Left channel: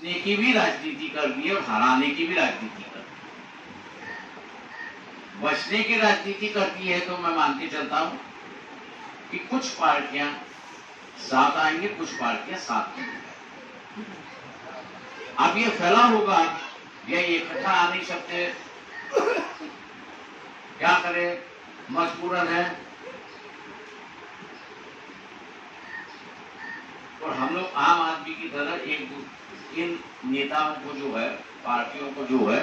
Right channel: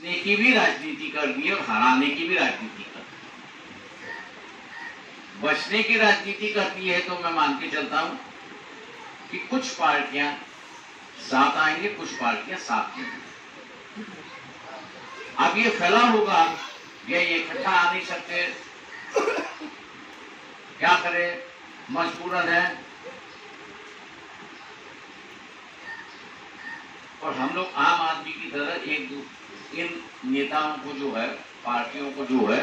जीतने की भी राजनीति कर दी और हराने की भी राजनीति कर दी। बचने की राजनीति करती है तो मैं मान के चलता हूं कि कुछ पार्टियां साथ आएंगे, कुछ पार्टियां साथ नहीं। अब ये फैला होगा, ये इकट्ठा आ नहीं सकते, क्या करें, मजबूरन है। और हम लोग आम आदमी की तरह इन नेताओं को जो है, पार्टियों को जो है,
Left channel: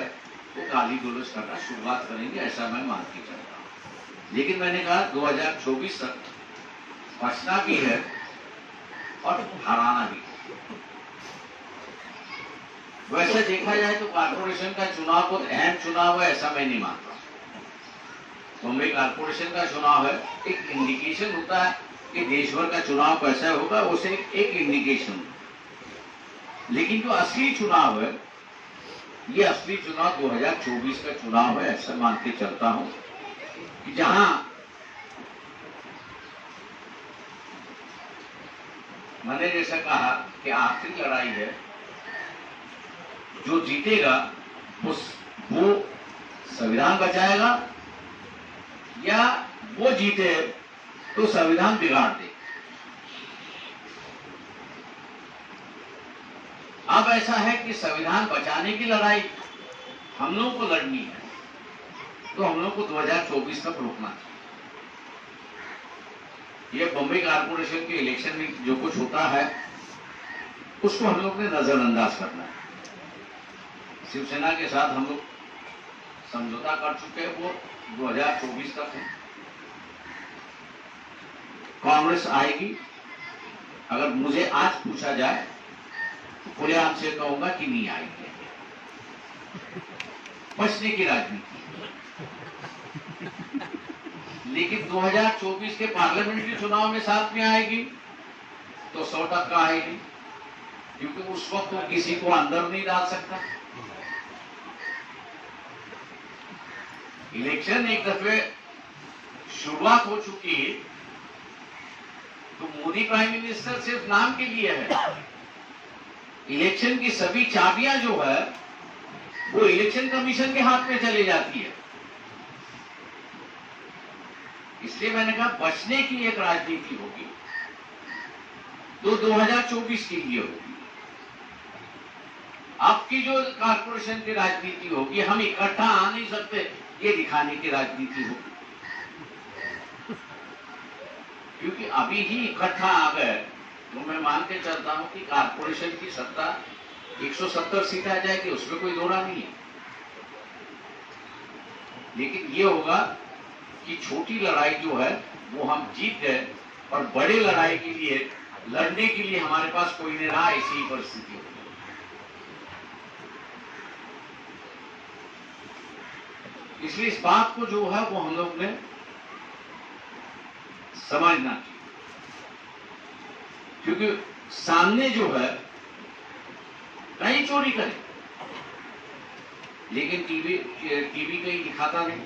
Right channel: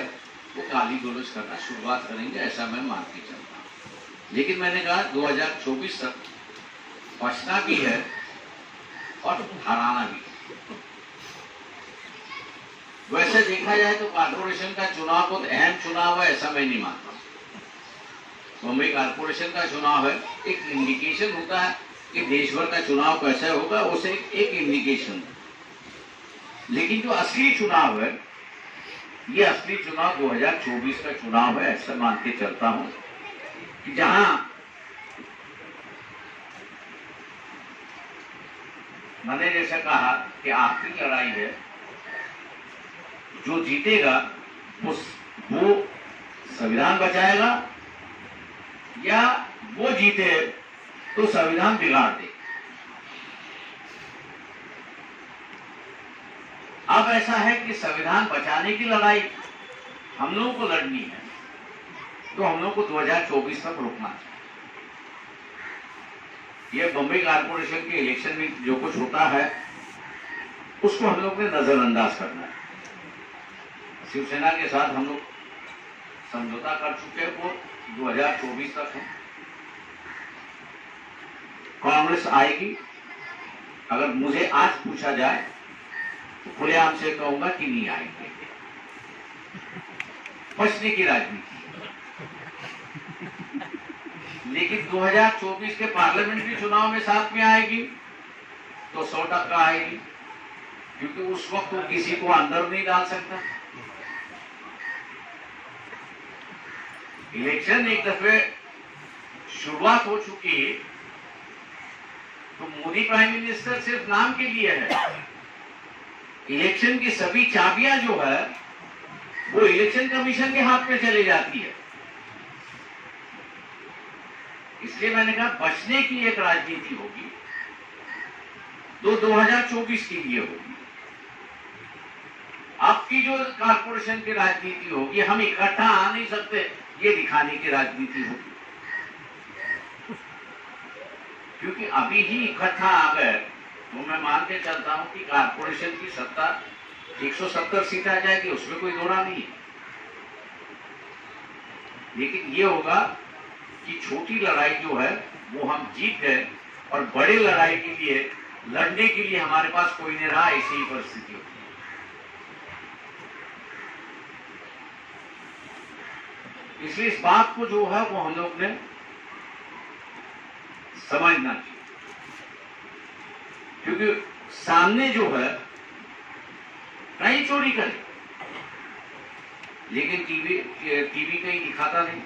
वो गाली गलौज करना शुरुआत करेंगे, ऐसा मैं मान के चलता हूं। लेकिन मैंने कहा 2024 तक बचना भी है और हराना भी है। वैसे देखा जाए तो कारपोरेशन का चुनाव बहुत अहम चुनाव है, ऐसा मैं नहीं मानता। मुंबई कारपोरेशन का चुनाव है, एक इंडिकेशन होता है कि देश भर का चुनाव कैसा होगा, उसे एक इंडिकेशन। लेकिन जो असली चुनाव है, ये असली चुनाव 2024 का चुनाव है, ऐसा मान के चलता हूं कि जहां मैंने जैसा कहा कि आखिरी लड़ाई है, जो जीतेगा वो संविधान बचाएगा या वो जीते तो संविधान बिगाड़ दे। अब ऐसा है कि संविधान बचाने की लड़ाई हम लोगों को लड़नी है, तो हम लोगों को 2024 तक रुकना चाहिए। ये बम्बई कारपोरेशन के इलेक्शन में जो कुछ होता है उसको हम लोग ने नजरअंदाज करना है। शिवसेना के साथ हम लोग समझौता कर चुके हैं, वो 2024 तक है। कांग्रेस आएगी, अगर मुझे आज पूछा जाए तो खुलेआम से कहूंगा कि नहीं आएंगे। बचने की राजनीति। लेकिन 2024 के पार्लियामेंट्री चुनाव में साथ में आएगी तो 100% आएगी, क्योंकि उस वक्त वो किसी को अंदर नहीं डाल सकता। इलेक्शन एक दफे शुरुआत हो चुकी है तो मोदी प्राइम मिनिस्टर सिर्फ नाम के लिए है। इलेक्शन की सभी चाबियां जो है वो इलेक्शन कमीशन के हाथ में चली जाती है। इसलिए मैंने कहा बचने की एक राजनीति होगी तो 2024 के लिए होगी। आपकी जो कारपोरेशन की राजनीति होगी, हम इकट्ठा आ नहीं सकते, ये दिखाने की राजनीति होगी। क्योंकि अभी ही इकट्ठा आ गए तो मैं मान के चलता हूं कि कारपोरेशन की सत्ता 170 सीट आ जाएगी, उसमें कोई दोहरा नहीं है। लेकिन ये होगा कि छोटी लड़ाई जो है वो हम जीत गए और बड़े लड़ाई के लिए लड़ने के लिए हमारे पास कोई नहीं रहा, ऐसी ही परिस्थिति होगी। इसलिए इस बात को जो है वो हम लोग ने समझना चाहिए, क्योंकि सामने जो है कहीं चोरी करे, लेकिन टीवी कहीं दिखाता नहीं,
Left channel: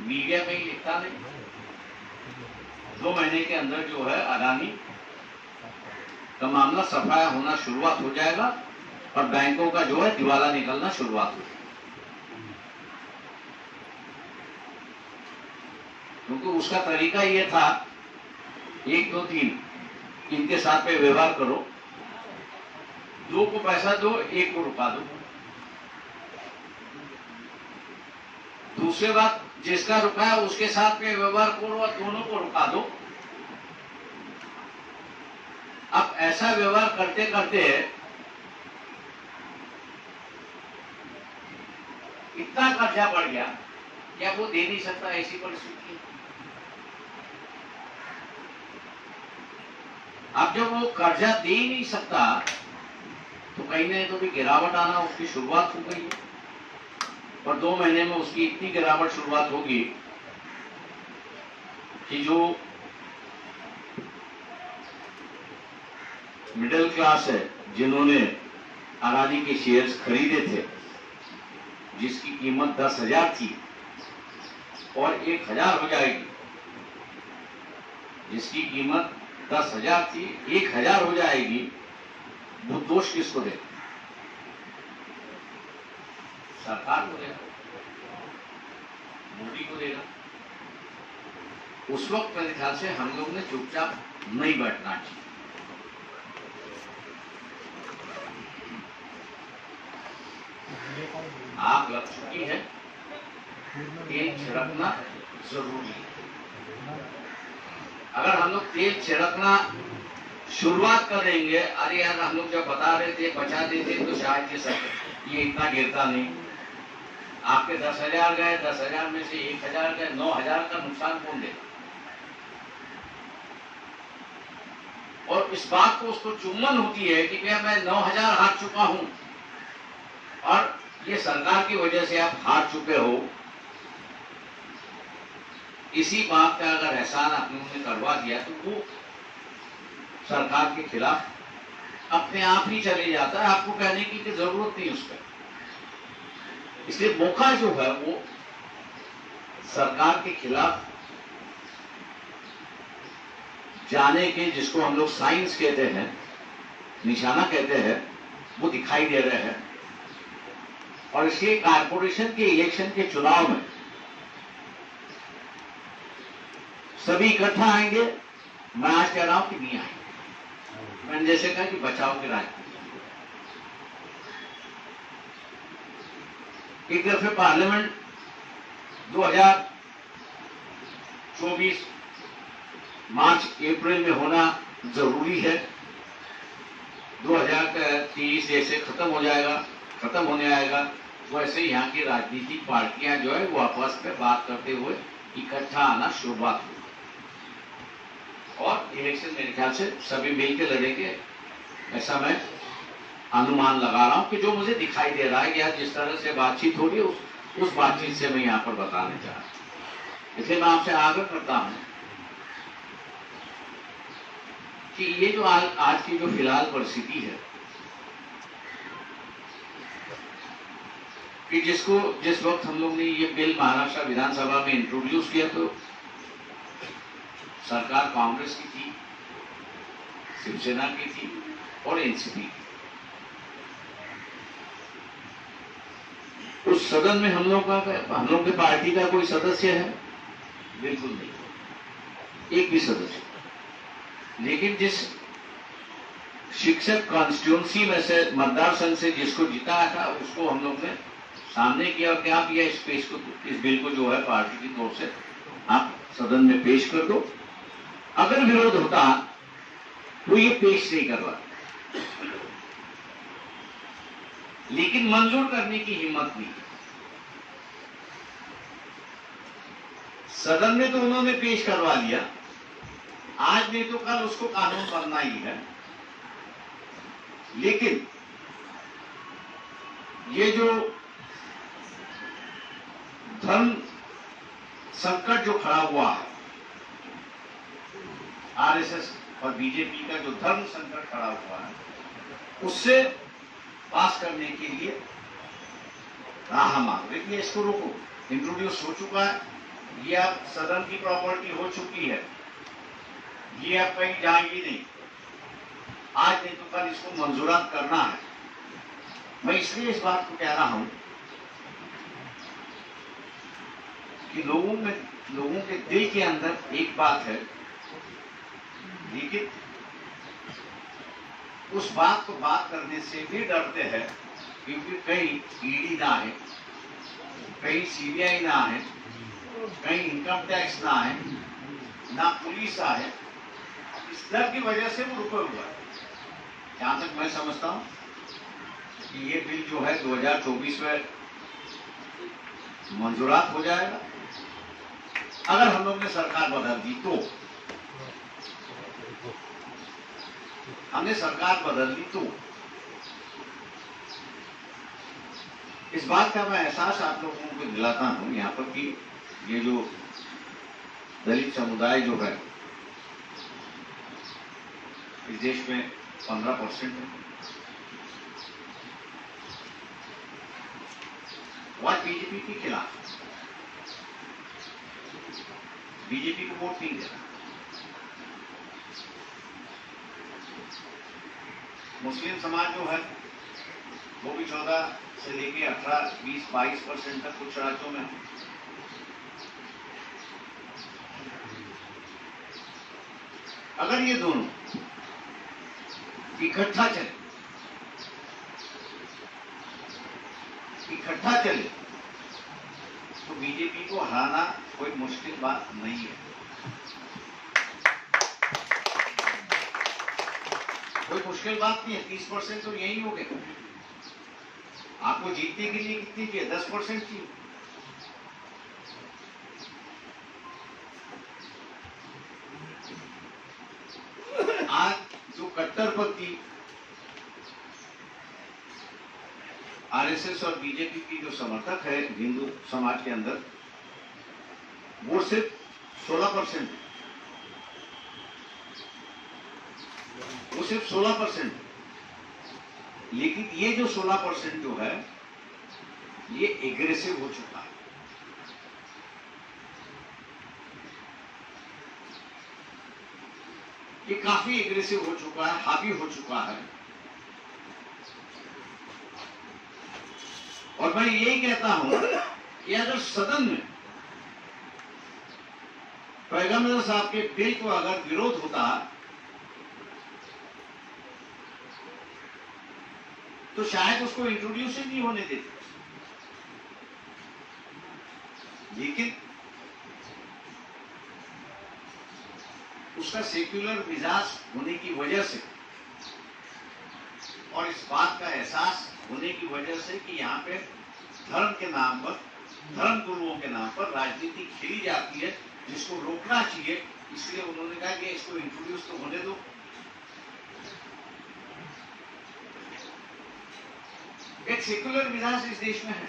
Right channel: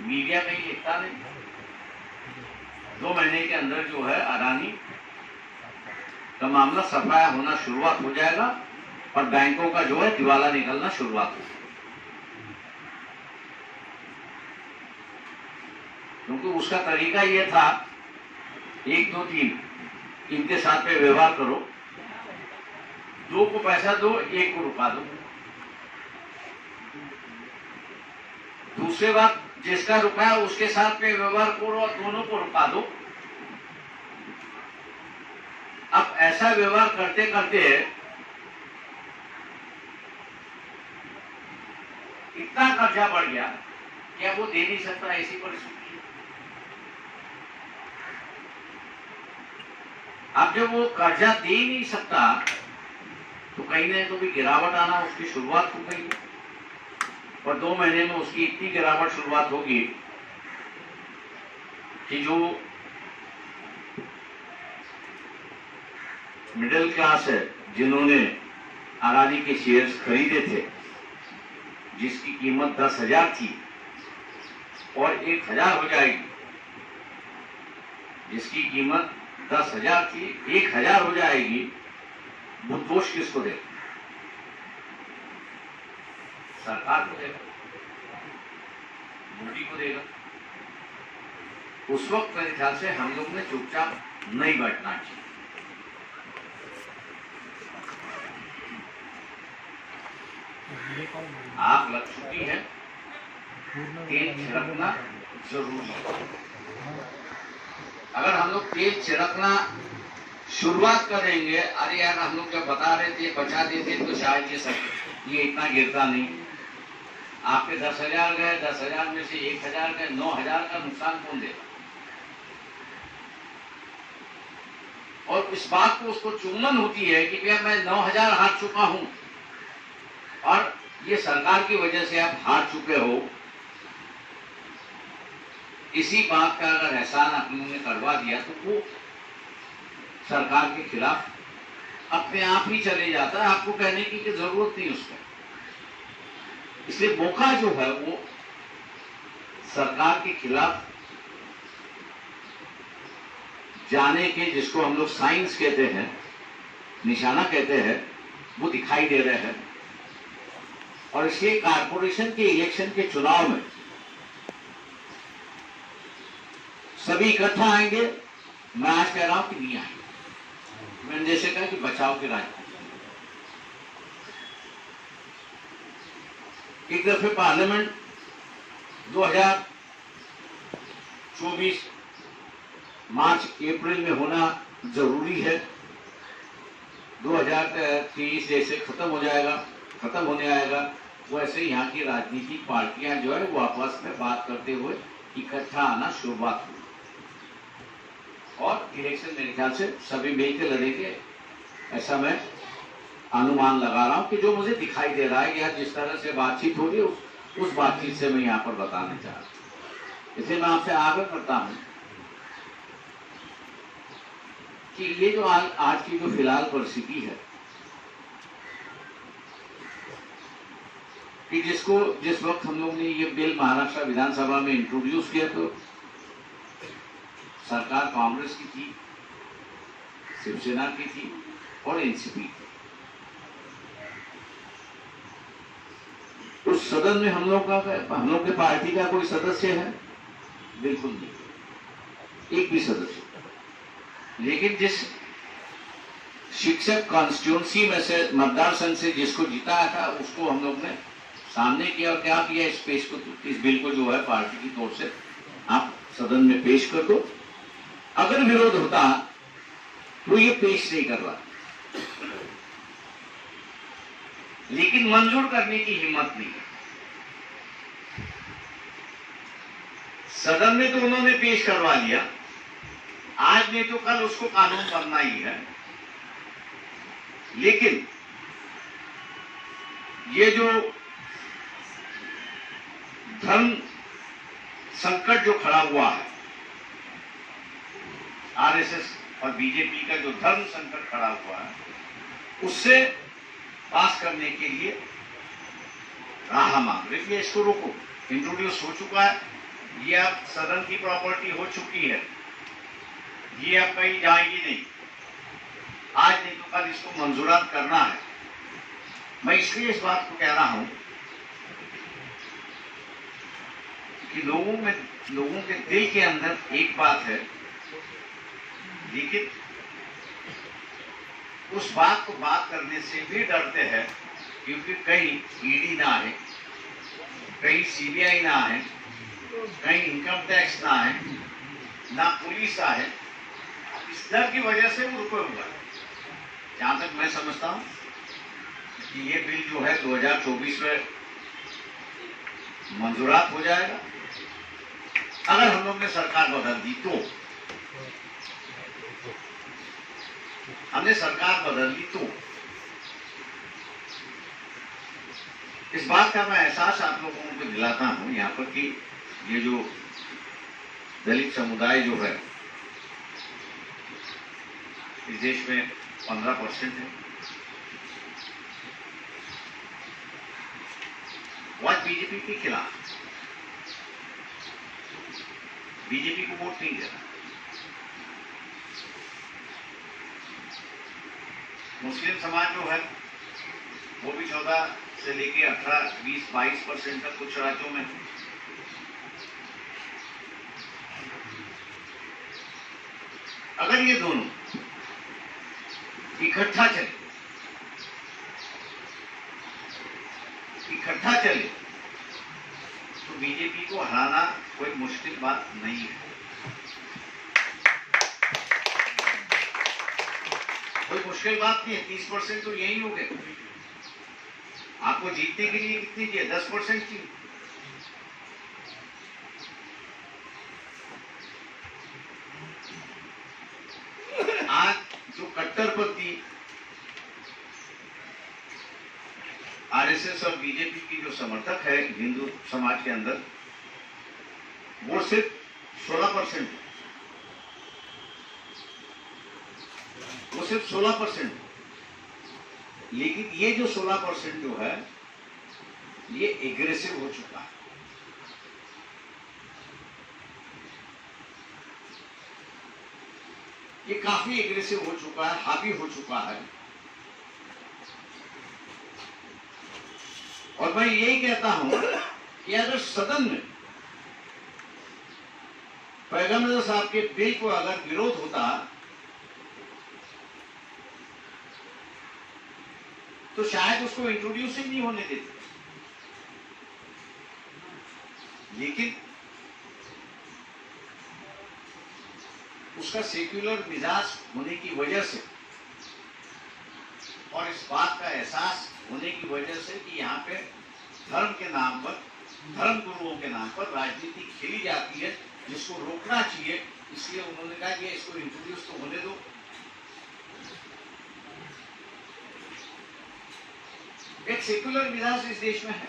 मीडिया कहीं लिखता नहीं। 2 महीने के अंदर जो है अडानी का मामला सफाया होना शुरुआत हो जाएगा और बैंकों का जो है दिवाला निकलना शुरुआत हो जाएगा। क्योंकि उसका तरीका ये था 1 2 3 इनके साथ में व्यवहार करो, 2 को पैसा दो, 1 को रुका दो। दूसरी बात, जिसका रुका है उसके साथ में व्यवहार करो और दोनों को रुका दो। अब ऐसा व्यवहार करते करते इतना कर्जा बढ़ गया कि अब वो दे नहीं सकता, ऐसी परिस्थिति। अब जब वो कर्जा दे ही नहीं सकता तो कहीं ना तो भी गिरावट आना उसकी शुरुआत हो गई और 2 महीने में उसकी इतनी गिरावट शुरुआत होगी कि जो मिडिल क्लास है, जिन्होंने अडानी के शेयर्स खरीदे थे, जिसकी कीमत 10,000 थी और 1,000 हो जाएगी, जिसकी कीमत 10,000 थी 1,000 हो जाएगी, वो दोष किसको दे? सरकार को देगा, मोदी को देगा। उस वक्त मेरे ख्याल से हम लोग ने चुपचाप नहीं बैठना चाहिए। आग लग चुकी है, तेल छिड़कना जरूरी है। अगर हम लोग तेल छिड़कना शुरुआत करेंगे, अरे यार हम लोग जब बता रहे थे बचा देते तो शायद ये इतना गिरता नहीं। आपके 10,000 गए, 10,000 में से 1,000 गए, 9,000 का नुकसान कौन देगा? और इस बात को उसको चुम्बन होती है कि भैया मैं 9,000 हार चुका हूं और ये सरकार की वजह से आप हार चुके हो। इसी बात का अगर एहसान आप लोगों ने करवा दिया तो वो सरकार के खिलाफ अपने आप ही चले जाता है, आपको कहने की जरूरत नहीं उसको। इसलिए मौका जो है वो सरकार के खिलाफ जाने के, जिसको हम लोग साइंस कहते हैं, निशाना कहते हैं, वो दिखाई दे रहे हैं। और इसलिए कारपोरेशन के इलेक्शन के चुनाव में सभी इकट्ठा आएंगे। मैं आज कह रहा हूं कि नहीं आएंगे। मैंने जैसे कहा कि बचाव की राजनीति। एक दफे पार्लियामेंट 2024 मार्च अप्रैल में होना जरूरी है। 2023 जैसे खत्म होने आएगा, वैसे यहाँ की राजनीतिक पार्टियां जो है वो आपस में बात करते हुए इकट्ठा आना शुरुआत हुई और इलेक्शन मेरे ख्याल से सभी मिलकर लड़ेंगे, ऐसा मैं अनुमान लगा रहा हूं कि जो मुझे दिखाई दे रहा है कि आज जिस तरह से बातचीत हो रही है उस बातचीत से मैं यहाँ पर बताने चाह रहा हूं। इसलिए मैं आपसे आग्रह करता हूं कि ये जो आज की जो फिलहाल परिस्थिति है कि जिस वक्त हम लोग ने ये बिल महाराष्ट्र विधानसभा में इंट्रोड्यूस किया तो सरकार कांग्रेस की थी, शिवसेना की थी और एनसीपी की। उस सदन में हम लोग के पार्टी का कोई सदस्य है? बिल्कुल नहीं, एक भी सदस्य। लेकिन जिस शिक्षक कॉन्स्टिट्यूंसी में से मतदार संघ से जिसको जिताया था उसको हम लोग ने सामने किया और क्या किया, इस बिल को जो है पार्टी की तौर से आप सदन में पेश कर दो। अगर विरोध होता तो ये पेश नहीं करवा, लेकिन मंजूर करने की हिम्मत नहीं। सदन में तो उन्होंने पेश करवा लिया, आज नहीं तो कल उसको कानून बनना ही है। लेकिन ये जो धर्म संकट जो खड़ा हुआ है, आरएसएस और बीजेपी का जो धर्म संकट खड़ा हुआ है, उससे पास करने के लिए राह मांग रही है। इसको रोको, इंट्रोड्यूस हो चुका है, ये अब सदन की प्रॉपर्टी हो चुकी है, ये अब कहीं जाएगी नहीं। आज नहीं तो कल इसको मंजूरात करना है। मैं इसलिए इस बात को कह रहा हूं कि लोगों के दिल के अंदर एक बात है, लेकिन उस बात को बात करने से भी डरते हैं क्योंकि कहीं ईडी ना आए, कहीं सीबीआई ना आए, कहीं इनकम टैक्स ना आए, ना पुलिस आए। इस डर की वजह से वो रुके हुआ है। जहां तक मैं समझता हूं कि ये बिल जो है 2024 में मंजूरात हो जाएगा। अगर हम लोग ने सरकार बदल दी तो, हमने सरकार बदल दी तो इस बात का मैं एहसास आप लोगों को दिलाता हूं यहाँ पर कि ये जो दलित समुदाय जो है इस देश में 15% है। वह बीजेपी के खिलाफ, बीजेपी को वोट नहीं देना। मुस्लिम समाज जो है वो भी 14 से लेके 18, 20, 22% तक कुछ राज्यों में। अगर ये दोनों इकट्ठा चले तो बीजेपी को हराना कोई मुश्किल बात नहीं है। कोई मुश्किल बात नहीं है। 30% तो यही हो गए। आपको जीतने के लिए कितनी चाहिए? 10% चाहिए। आज जो कट्टरपंथी आरएसएस और बीजेपी की जो समर्थक है हिंदू समाज के अंदर, वो सिर्फ 16%, वो सिर्फ 16%। लेकिन ये जो 16% जो है ये एग्रेसिव हो चुका है। ये काफी एग्रेसिव हो चुका है, हावी हो चुका है। और मैं यही कहता हूं कि अगर सदन में पैगंबर साहब के बिल को अगर विरोध होता तो शायद उसको इंट्रोड्यूस ही नहीं होने देते। लेकिन उसका सेक्युलर मिजाज होने की वजह से और इस बात का एहसास होने की वजह से कि यहाँ पे धर्म के नाम पर, धर्म गुरुओं के नाम पर राजनीति खेली जाती है, जिसको रोकना चाहिए, इसलिए उन्होंने कहा कि इसको इंट्रोड्यूस तो होने दो। एक सेक्युलर मिजाज इस देश में है।